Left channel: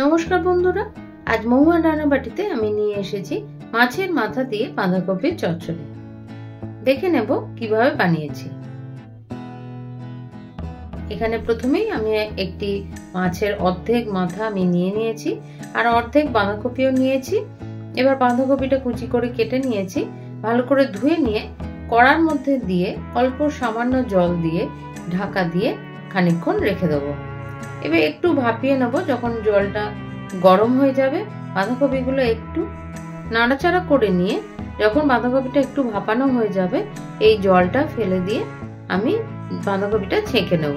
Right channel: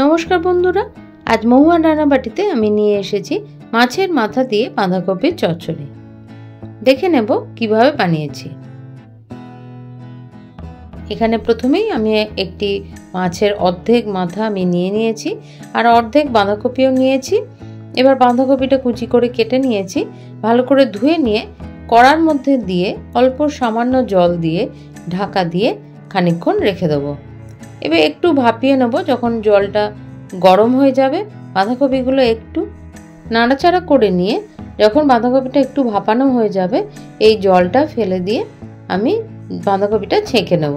नमस्कार बंधुरा आज महुआन रान्नाबाटीते आमी निये एसेछि माछेर माथा दिए बाँधाकपिर चच्चड़ि। देखे नेब किभाबे बानिয়েছি। एखाने प्रथमेई आमी एकटी माछेर अर्धेक माथा आमी निये निয়েছি और अर्धेक बाँधाकपिও निয়েছি। एबार बाँधाकपिटा कुचि करे केटे निয়েছি, भालो करे धुए निये कड़ार मध्य दिए अल्प सामान्य जल दिए ढाका दिए खानिकक्षण रेखे देब। एबार एकटू भापिए नेब। जखन जलटा गरम हो जाबे बाँधाकपिगुलो एकटू नाड़ाचाड़ा करे निये जखन बाँधाकपिटा एकटू भापानो हो जाबे एई जलटा फेले दिए आमी बाँधाकपिटा छेके नेब।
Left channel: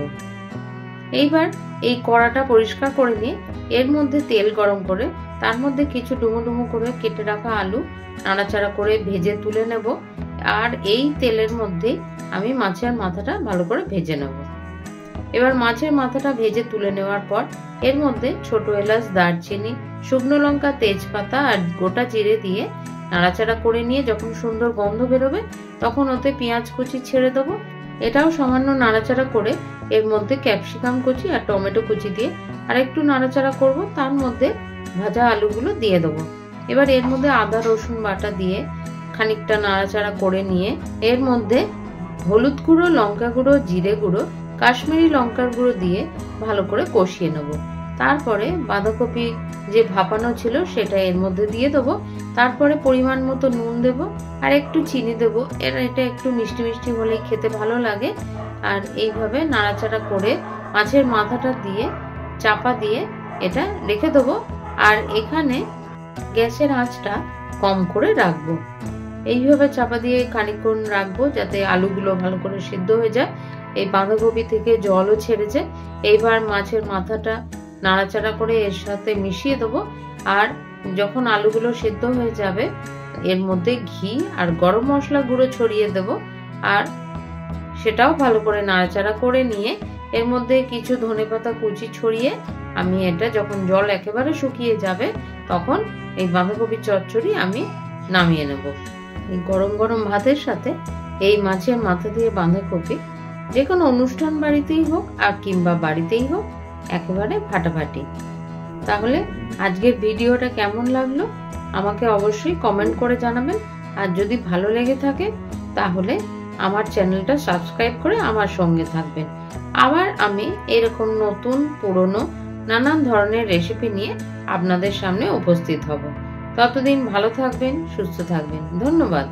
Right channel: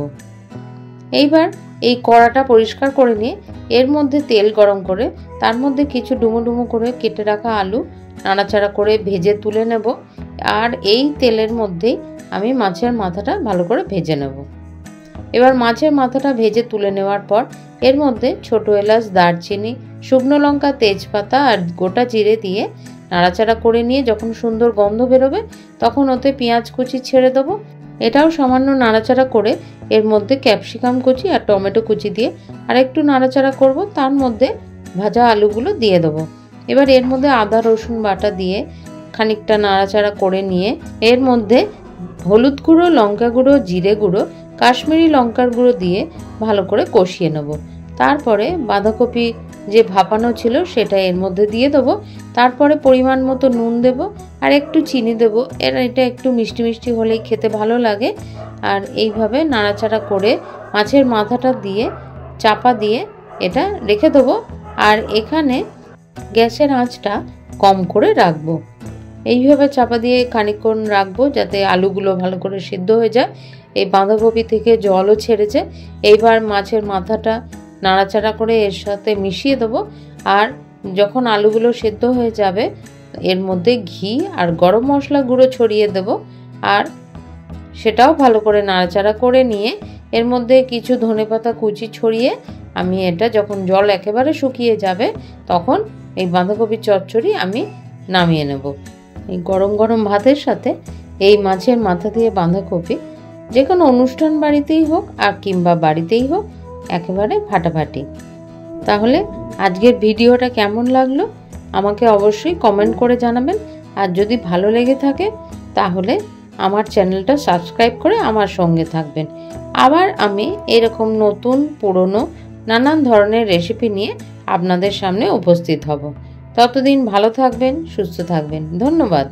एइबार एई कड़ाटा परिष्कार करे निये एर मध्य तेल गरम करे तार मध्य किछु डुमो डुमो करे केटे राखा आलू नाड़ाचाड़ा करे भेजे तुले नेब और एई तेलेर मध्येई आमी माछेर माथाटा भालो करे भेजे नेब। एबार माछेर माथाटा भेजे तुले नेওয়ার पर एर मध्य छोटो एलाच दारचिनी शुकनो लंका तेजपाता और गोटा जिरे दिए नाड़ाचाड़ा करे निये जखन सुंदर गंध बेरोबे तखन ओते पेंयाज कुचि छेड़े देबो। एटाओ सामान्य नाड़ाचाड़ा करे एर मध्य कैप्सिकाम कुचि और टमेटो कुचि दिए और एकटू नाड़ाचाड़ा करब। तार मध्य भाजा आलूगुलो दिए देबो। एबार एर मध्य आदा रसुन बाटा दिए खानिकटा नाड़ाचाड़ा करे निये एर मध्य हलुद गुঁড়ো लंका गुঁড়ো जिरे गुঁড়ো काश्मीरी लंकार गुঁড়ো दिए भालो करे कषिए नेब। तारपरे बाँधाकपि जे भापानो छिलो सेटा एर मध्य दिए देबो। तारपरे परिमाण मतो नुन देब और एकटू चीनी देब। एटा एकटू मिष्टि मिष्टि होलेई खेते भालो लागे। और एइभाবে नाड़ाचाड़ा करे माछेर माथाटा दिए चापा दिए एटा रेखे देब और एखाने ग्यासेर आँचटा कम करे राखबो। এইভাবে চাপা দিয়ে খানিকক্ষণ রাখবো যাতে আলুগুলো ভালো করে সিদ্ধ হয়ে যায়। এই বাঁধাকপি থেকে জলও ছেড়েছে। এইবার মাছের মাথাটা নাড়াচাড়া করে এর সাথে মিশিয়ে দেবো আর যখন আলুগুলো সিদ্ধ হয়ে যাবে এর মধ্যে ঘি আর গরম মশলা গুঁড়ো ছড়িয়ে দেব আর সেটাও ভালো করে নাড়াচাড়া করে নিয়ে এর মধ্যে কিছু ধনেপাতা কুচি ছড়িয়ে আমি এটা যখন জল একেবারে শুকিয়ে যাবে তখন এই বাঁধাকপির চচ্চড়ি আমি নামিয়ে নেব। এই গরম গরম ভাতের সাথে এই মাছের মাথা দিয়ে বাঁধাকপি যে কোনো অনুষ্ঠান বাড়িতেই হোক আর কিংবা বাড়িতেই হোক একেবারে ফাটাফাটি। তাহলে আজকের ভিডিওটা কেমন লাগলো আমাকে অবশ্যই কমেন্ট করে জানাবেন। আর যদি ভালো লেগে থাকে তাহলে আমার চ্যানেলটা সাবস্ক্রাইব করে আমার সঙ্গে থাকবেন। আবার আমি এরকম নতুন পুরনো নানান ধরনের রেসিপি নিয়ে আপনাদের সামনে উপস্থিত হব। ততদিন ভালো থাকবেন, সুস্থ থাকবেন। ধন্যবাদ।